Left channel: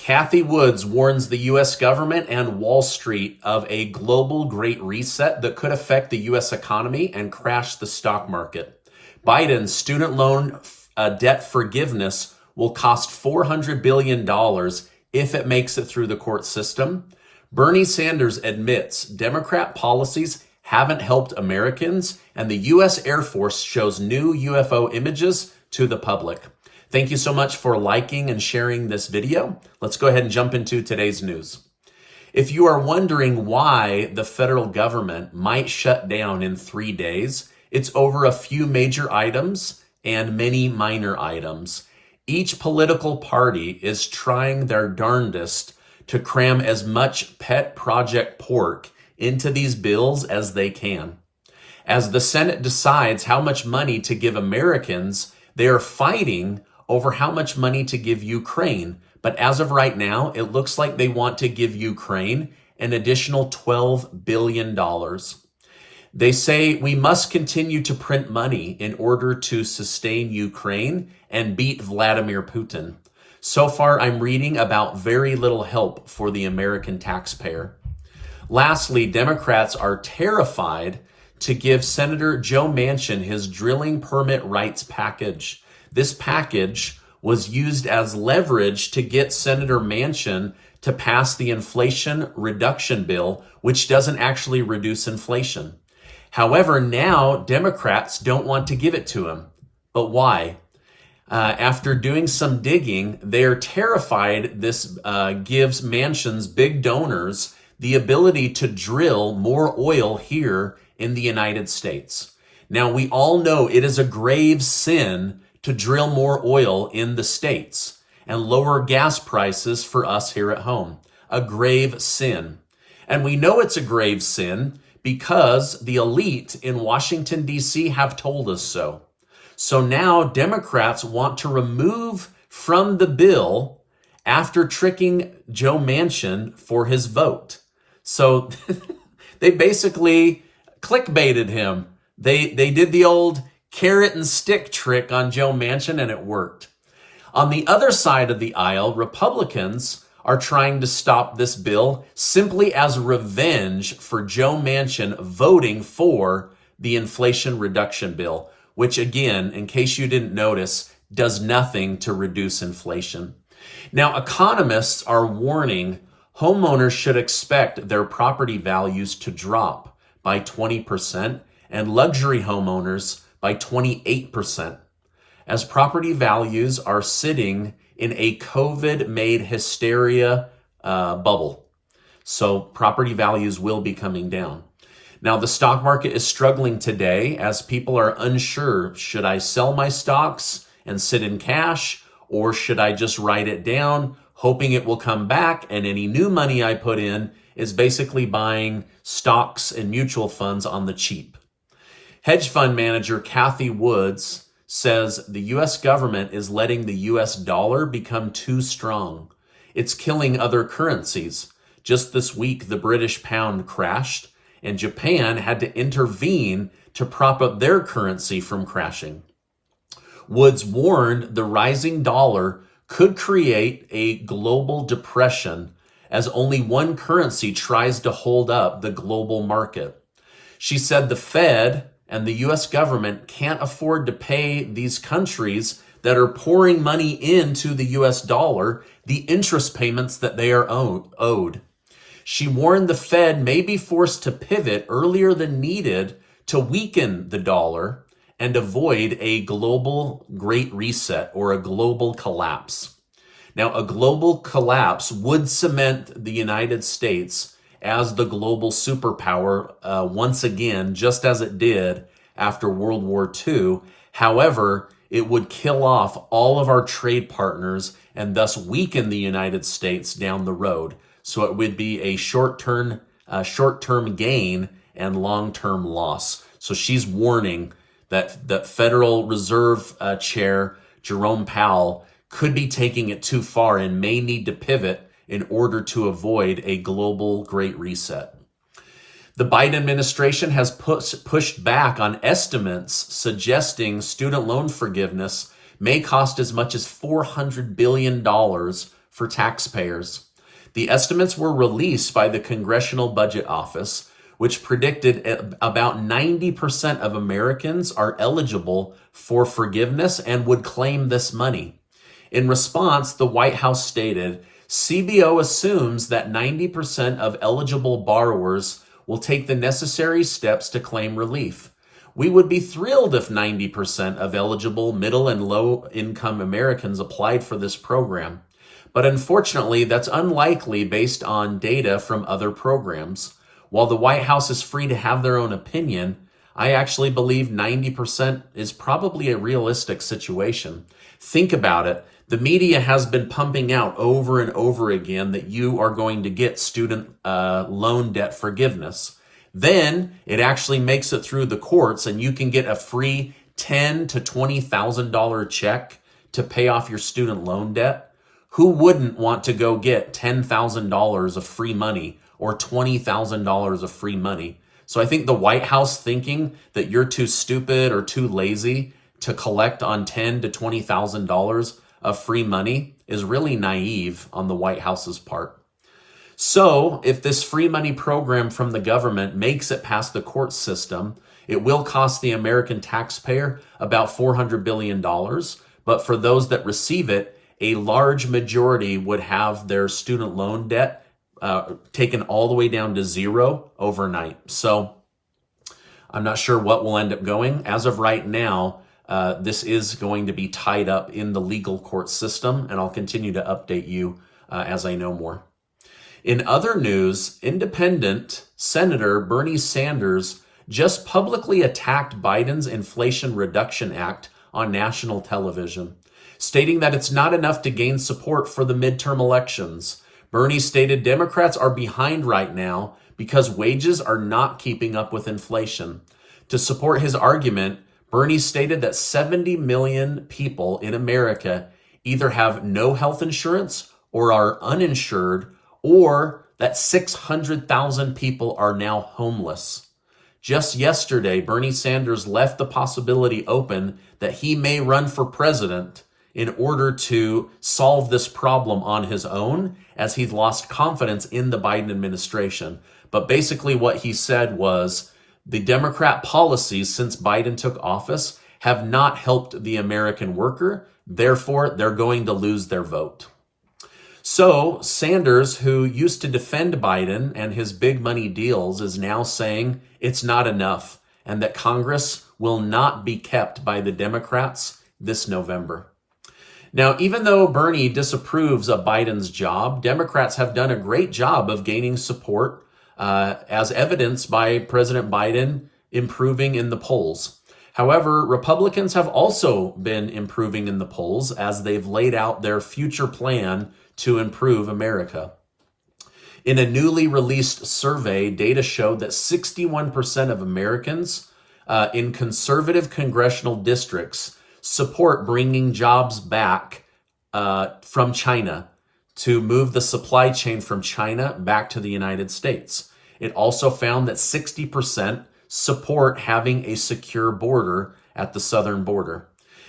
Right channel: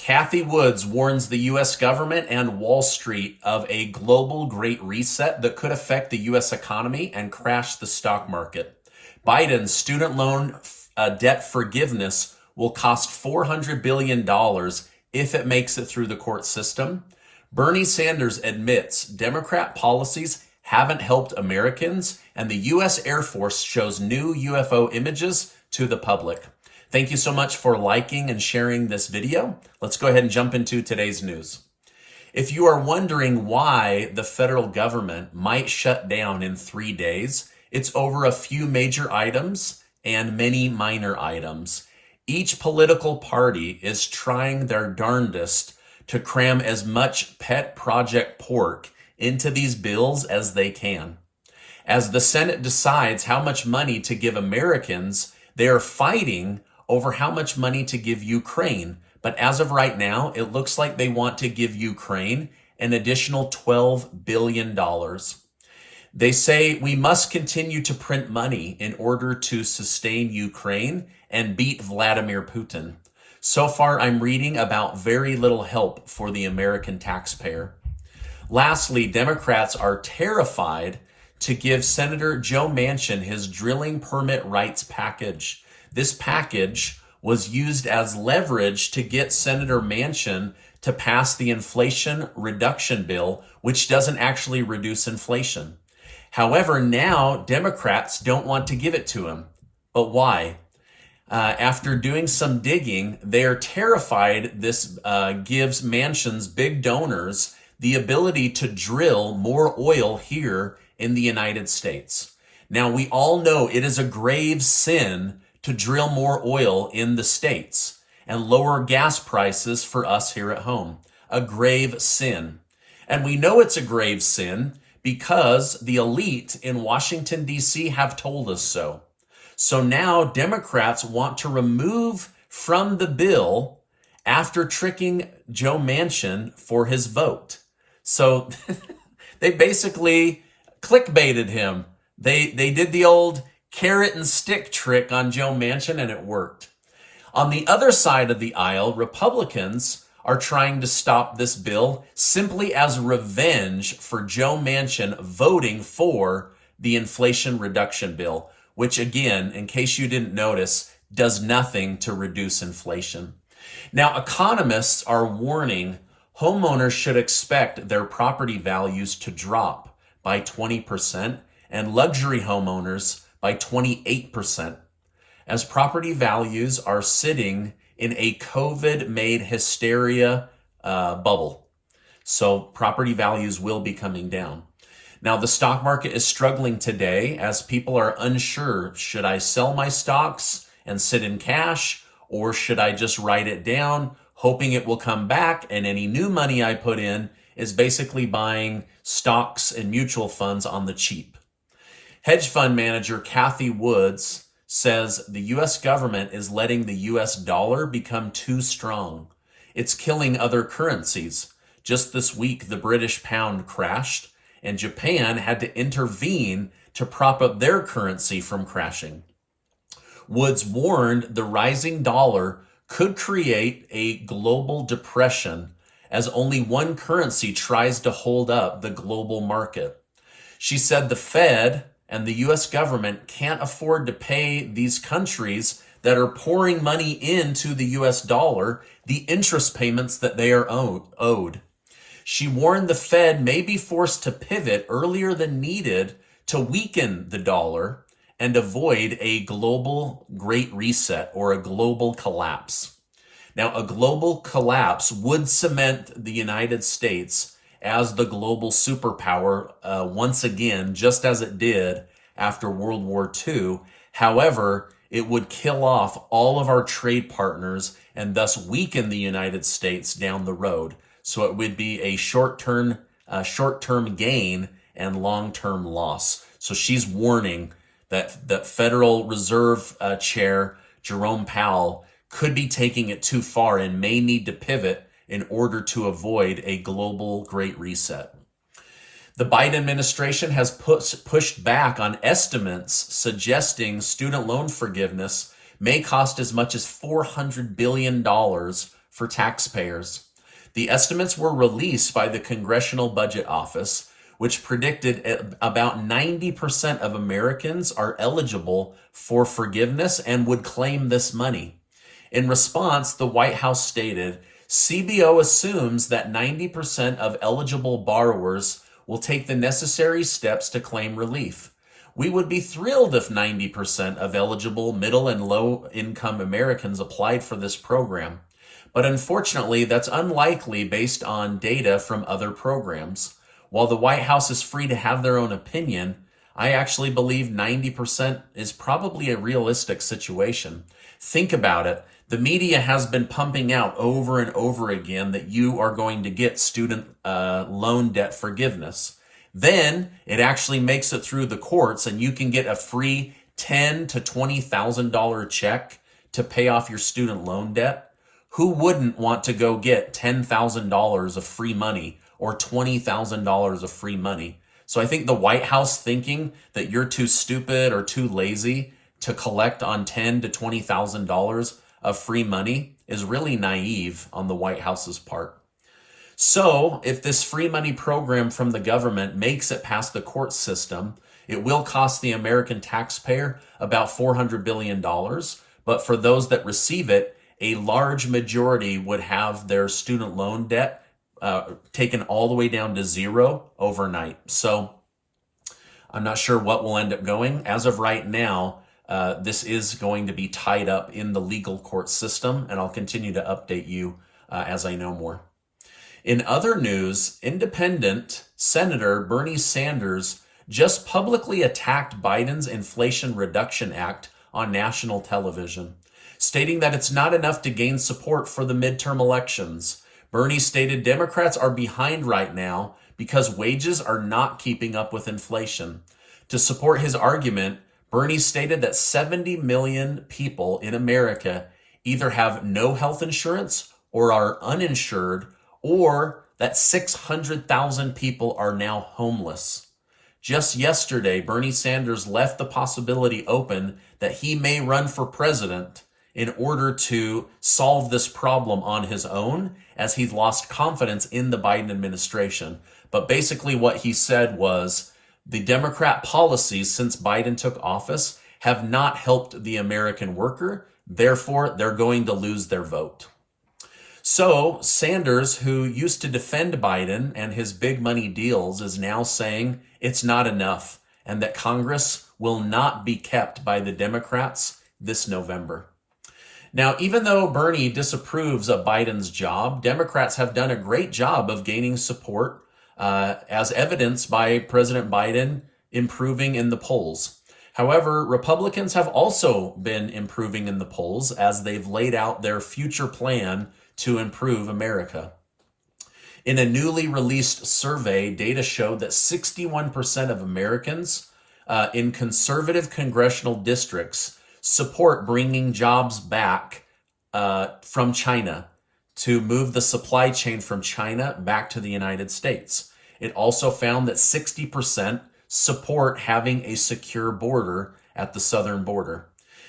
Cathy Wood warns the U.S. government and Wall Street of a global great reset that could affect the U.S. economy and crash the stock market. Biden's student loan debt forgiveness will cost $400 billion if it makes it through the court system. Bernie Sanders admits Democrat policies haven't helped Americans, and the U.S. Air Force shows new UFO images to the public. Thank you so much for liking and sharing this video. Let's go ahead and jump into today's news. If you are wondering why the federal government might shut down in 3 days, it's over a few major items and many minor items. Each political party is trying their darndest to cram as much pet project pork into these bills as they can. As the Senate decides how much money to give Americans, they are fighting over how much money to give Ukraine. But as of right now, it looks like they want to give Ukraine an additional $12 billion. They say we must continue to print money in order to sustain Ukraine and beat Vladimir Putin. So far, I'm reading about very little help for the American taxpayer. Lastly, Democrats are terrified to give Senator Joe Manchin his drilling permit rights package. This package was used as leverage to get Senator Manchin to pass the Inflation Reduction Bill, which doesn't actually reduce inflation. However, now Democrats don't want to give it to him. But why? After doing some digging, they're terrified this gives Manchin's big donors the ability to drill more oil here in the United States. Now, we all know it is a grave sin to drill more oil in the States and lower gas prices for us here at home. A grave sin. And we know it's a grave sin because the elite in Washington, D.C. have told us so. So now Democrats want to remove from the bill after tricking Joe Manchin for his vote. So they basically clickbaited him. They did the old carrot and stick trick on Joe Manchin, and it worked. On the other side of the aisle, Republicans are trying to stop this bill simply as revenge for Joe Manchin voting for the Inflation Reduction Bill, which again, in case you didn't notice, does nothing to reduce inflation. Now, economists are warning homeowners should expect their property values to drop by 20% and luxury homeowners by 28%, as property values are sitting in a COVID-made hysteria bubble. So property values will be coming down. Now, the stock market is struggling today as people are unsure. Should I sell my stocks and sit in cash, or should I just write it down, hoping it will come back, and any new money I put in is basically buying stocks and mutual funds on the cheap? Hedge fund manager Cathy Wood says the U.S. government is letting the U.S. dollar become too strong. It's killing other currencies. Just this week, the British pound crashed, and Japan had to intervene to prop up their currency from crashing. Woods warned the rising dollar could create a global depression as only one currency tries to hold up the global market. She said the Fed and the U.S. government can't afford to pay these countries that are pouring money into the U.S. dollar the interest payments that they are owed. She warned the Fed may be forced to pivot earlier than needed to weaken the dollar and avoid a global great reset or a global collapse. Now, a global collapse would cement the United States as the global superpower once again, just as it did after World War II. However, it would kill off all of our trade partners and thus weaken the United States down the road. So it would be a short-term gain and long-term loss. So she's warning that the Federal Reserve Chair Jerome Powell could be taking it too far and may need to pivot in order to avoid a global great reset. The Biden administration has pushed back on estimates suggesting student loan forgiveness may cost as much as $400 billion for taxpayers. The estimates were released by the Congressional Budget Office, which predicted about 90% of Americans are eligible for forgiveness and would claim this money. In response, the White House stated, CBO assumes that 90% of eligible borrowers will take the necessary steps to claim relief. We would be thrilled if 90% of eligible middle and low income Americans applied for this program. But unfortunately, that's unlikely based on data from other programs. While the White House is free to have their own opinion, I actually believe 90% is probably a realistic situation. Think about it. The media has been pumping out over and over again that you are going to get student loan debt forgiveness. Then it actually makes it through the courts and you can get a free $10,000 to $20,000 check to pay off your student loan debt. Who wouldn't want to go get $10,000 of free money or $20,000 of free money? So I think the White House thinking that you're too stupid or too lazy to collect on $10,000 to $20,000 of free money is really naive on the White House's part. So if this free money program from the government makes it past the court system, it will cost the American taxpayer about $400 billion. But for those that receive it, a large majority would have their student loan debt taken all the way down to zero overnight. So I'm not sure what will end up going. As of right now, this is going to be tied up in the legal court system, and I'll continue to update you as I know more. In other news, independent Senator Bernie Sanders just publicly attacked Biden's Inflation Reduction Act on national television, stating that it's not enough to gain support for the midterm elections. Bernie stated Democrats are behind right now because wages are not keeping up with inflation. To support his argument, Bernie stated that 70 million people in America either have no health insurance or are uninsured, or that 600,000 people are now homeless. Just yesterday, Bernie Sanders left the possibility open that he may run for president in order to solve this problem on his own, as he's lost confidence in the Biden administration. But basically what he said was the Democrat policies since Biden took office have not helped the American worker. Therefore, they're going to lose their vote. So Sanders, who used to defend Biden and his big money deals, is now saying it's not enough and that Congress will not be kept by the Democrats this November. Now, even though Bernie disapproves of Biden's job, Democrats have done a great job of gaining support, as evidenced by President Biden improving in the polls. However, Republicans have also been improving in the polls as they've laid out their future plan to improve America. In a newly released survey, data showed that 61% of Americans in conservative congressional districts support bringing jobs back from China to move the supply chain from China back to the United States. It also found that 60% support having a secure border at the southern border.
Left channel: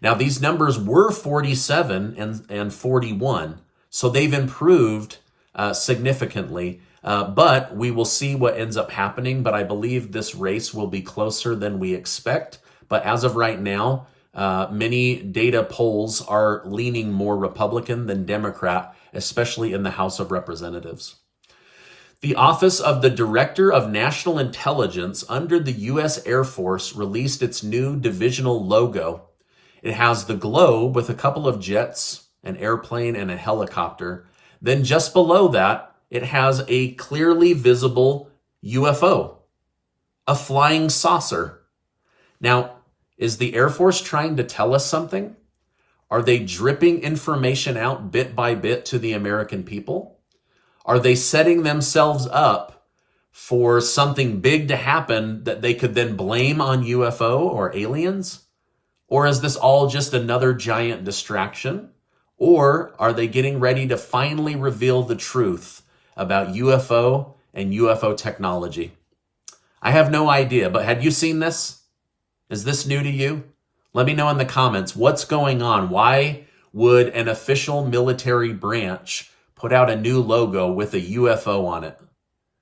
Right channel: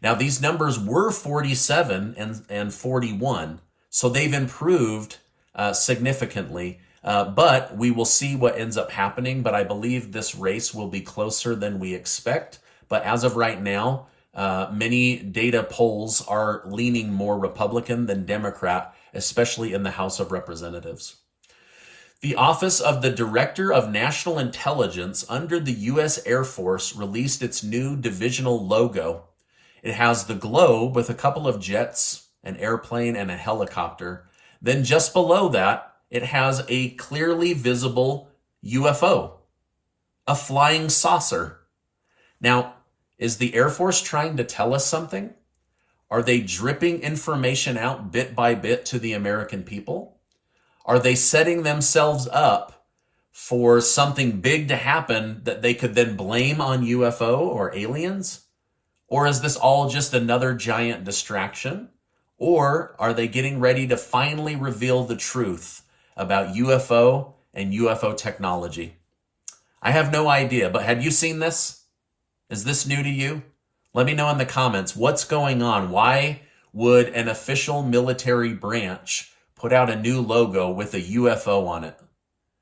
Now, these numbers were 47 and 41, so they've improved significantly, but we will see what ends up happening. But I believe this race will be closer than we expect. But as of right now, many data polls are leaning more Republican than Democrat, especially in the House of Representatives. The Office of the Director of National Intelligence under the U.S. Air Force released its new divisional logo. It has the globe with a couple of jets, an airplane, and a helicopter. Then just below that, it has a clearly visible UFO, a flying saucer. Now, is the Air Force trying to tell us something? Are they dripping information out bit by bit to the American people? Are they setting themselves up for something big to happen that they could then blame on UFO or aliens? Or is this all just another giant distraction? Or are they getting ready to finally reveal the truth about UFO and UFO technology? I have no idea, but have you seen this? Is this new to you? Let me know in the comments what's going on. Why would an official military branch put out a new logo with a UFO on it.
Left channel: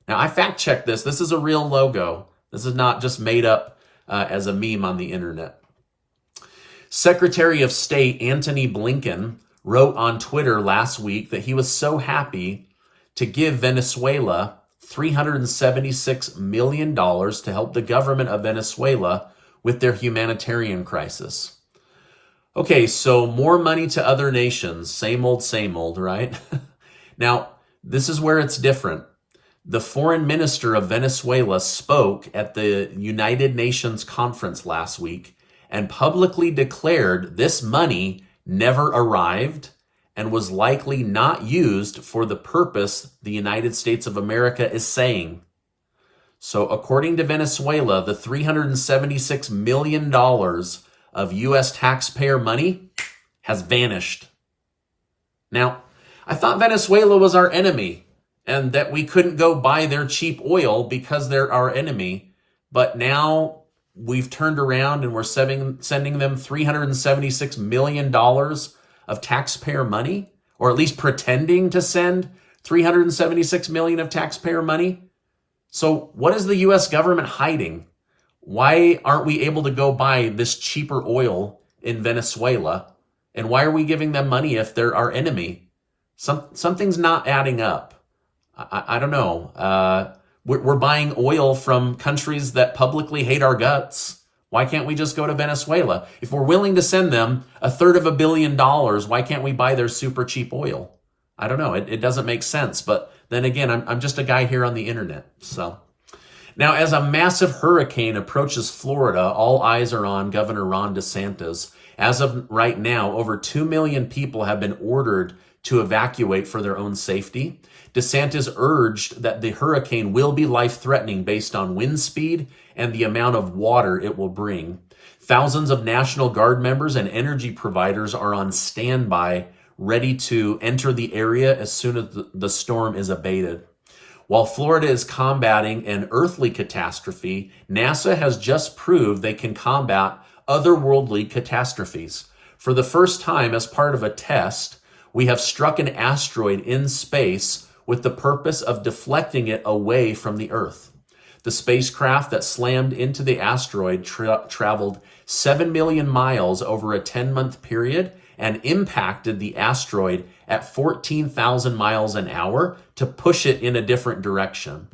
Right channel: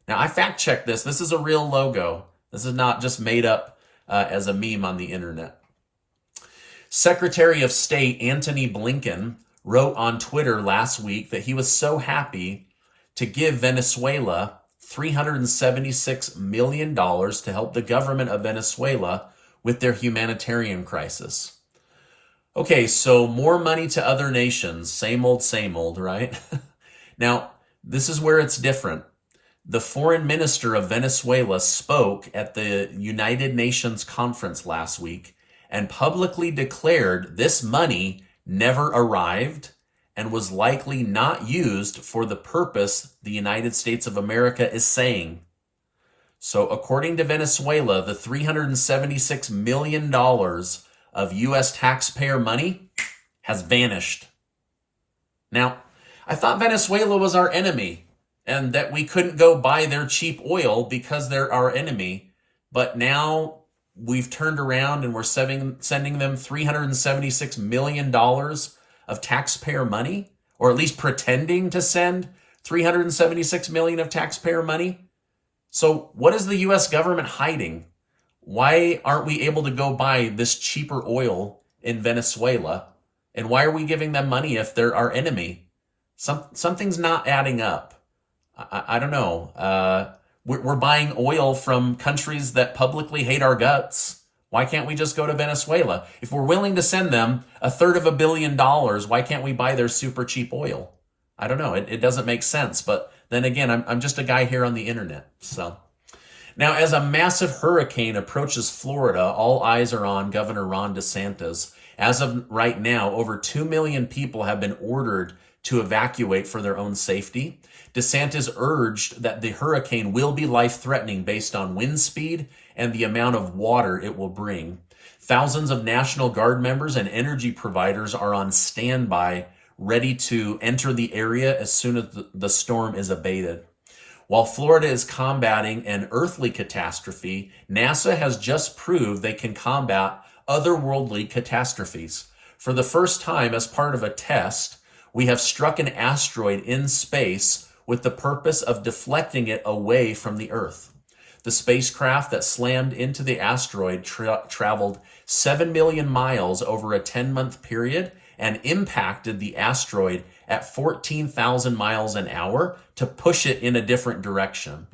Now, I fact-checked this. This is a real logo. This is not just made up as a meme on the internet. Secretary of State Antony Blinken wrote on Twitter last week that he was so happy to give Venezuela $376 million to help the government of Venezuela with their humanitarian crisis. Okay, so more money to other nations. Same old, right? Now, this is where it's different. The foreign minister of Venezuela spoke at the United Nations conference last week and publicly declared this money never arrived and was likely not used for the purpose the United States of America is saying. So according to Venezuela, the $376 million of U.S. taxpayer money has vanished. Now, I thought Venezuela was our enemy and that we couldn't go buy their cheap oil because they're our enemy. But now we've turned around and we're sending them $376 million of taxpayer money, or at least pretending to send $376 million of taxpayer money. So what is the U.S. government hiding? Why aren't we able to go buy this cheaper oil in Venezuela? And why are we giving them money if they're our enemy? Something's not adding up. I don't know. We're buying oil from countries that publicly hate our guts. Why can't we just go to Venezuela? If we're willing to send them $350 million, why can't we buy their super cheap oil? I don't know. It doesn't make sense. But then again, I'm just a guy here on the internet. So now, as a massive hurricane approaches Florida, all eyes are on Governor Ron DeSantis. As of right now, over 2 million people have been ordered to evacuate for their own safety. DeSantis urged that the hurricane will be life-threatening based on wind speed and the amount of water it will bring. Thousands of National Guard members and energy providers are on standby, ready to enter the area as soon as the storm is abated. While Florida is combating an earthly catastrophe, NASA has just proved they can combat otherworldly catastrophes. For the first time, as part of a test, we have struck an asteroid in space with the purpose of deflecting it away from the Earth. The spacecraft that slammed into the asteroid traveled 7 million miles over a 10-month period and impacted the asteroid at 14,000 miles an hour to push it in a different direction.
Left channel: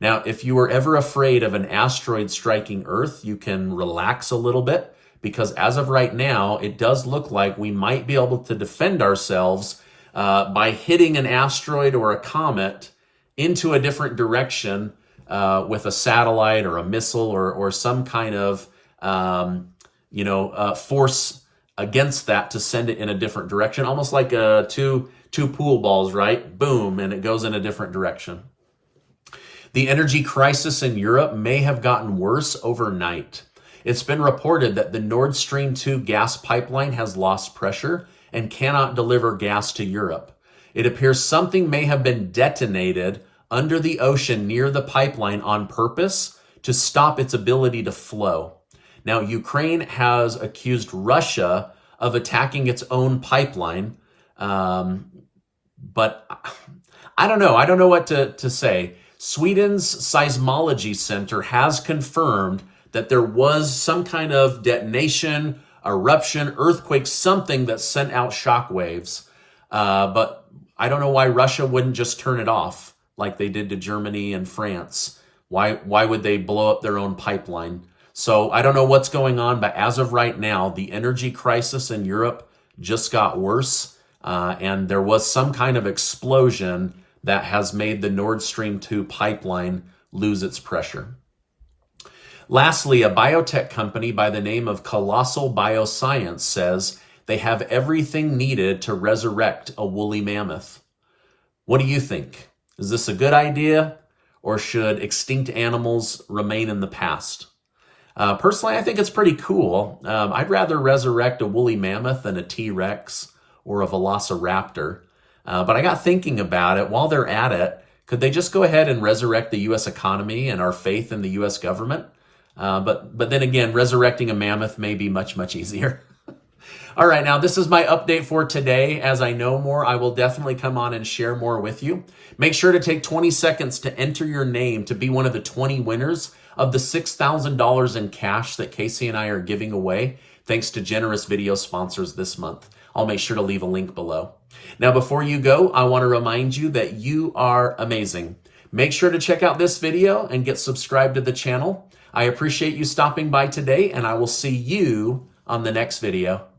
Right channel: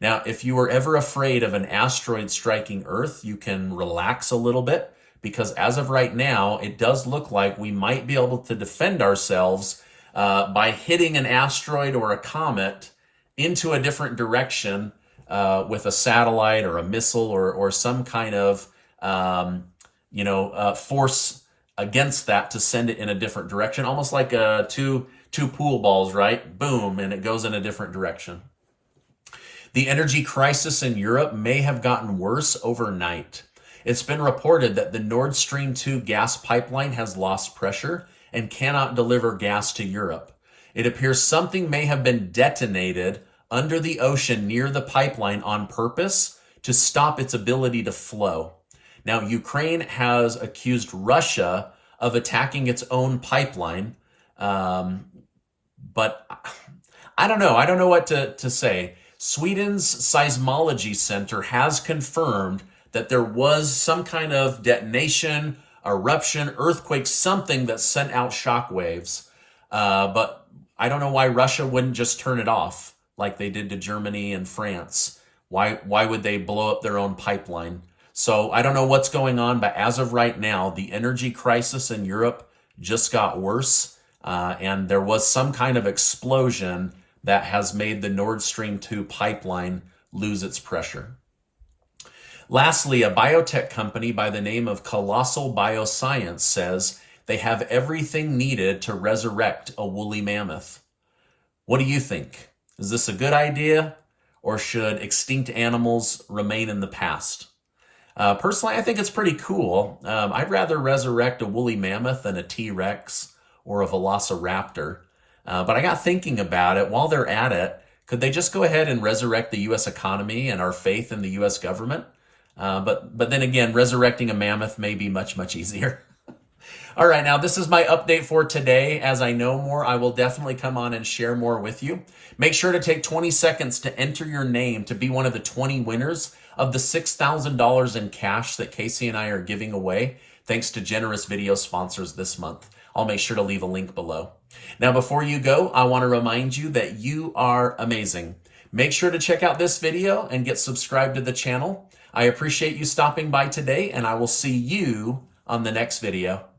Now, if you were ever afraid of an asteroid striking Earth, you can relax a little bit, because as of right now, it does look like we might be able to defend ourselves by hitting an asteroid or a comet into a different direction with a satellite or a missile or some kind of force against that to send it in a different direction, almost like two pool balls, right? Boom, and it goes in a different direction. The energy crisis in Europe may have gotten worse overnight. It's been reported that the Nord Stream 2 gas pipeline has lost pressure and cannot deliver gas to Europe. It appears something may have been detonated under the ocean near the pipeline on purpose to stop its ability to flow. Now, Ukraine has accused Russia of attacking its own pipeline, but I don't know. I don't know what to say. Sweden's seismology center has confirmed that there was some kind of detonation, eruption, earthquake, something that sent out shockwaves. But I don't know why Russia wouldn't just turn it off like they did to Germany and France. Why would they blow up their own pipeline? So I don't know what's going on, but as of right now, the energy crisis in Europe just got worse. And there was some kind of explosion that has made the Nord Stream 2 pipeline lose its pressure. Lastly, a biotech company by the name of Colossal Bioscience says they have everything needed to resurrect a woolly mammoth. What do you think? Is this a good idea, or should extinct animals remain in the past? Personally, I think it's pretty cool. I'd rather resurrect a woolly mammoth than a T-Rex or a velociraptor. But I got thinking about it. While they're at it, could they just go ahead and resurrect the U.S. economy and our faith in the U.S. government? But then again, resurrecting a mammoth may be much, much easier. All right, now this is my update for today. As I know more, I will definitely come on and share more with you. Make sure to take 20 seconds to enter your name to be one of the 20 winners of the $6,000 in cash that Casey and I are giving away, thanks to generous video sponsors this month. I'll make sure to leave a link below. Now, before you go, I want to remind you that you are amazing. Make sure to check out this video and get subscribed to the channel. I appreciate you stopping by today, and I will see you on the next video.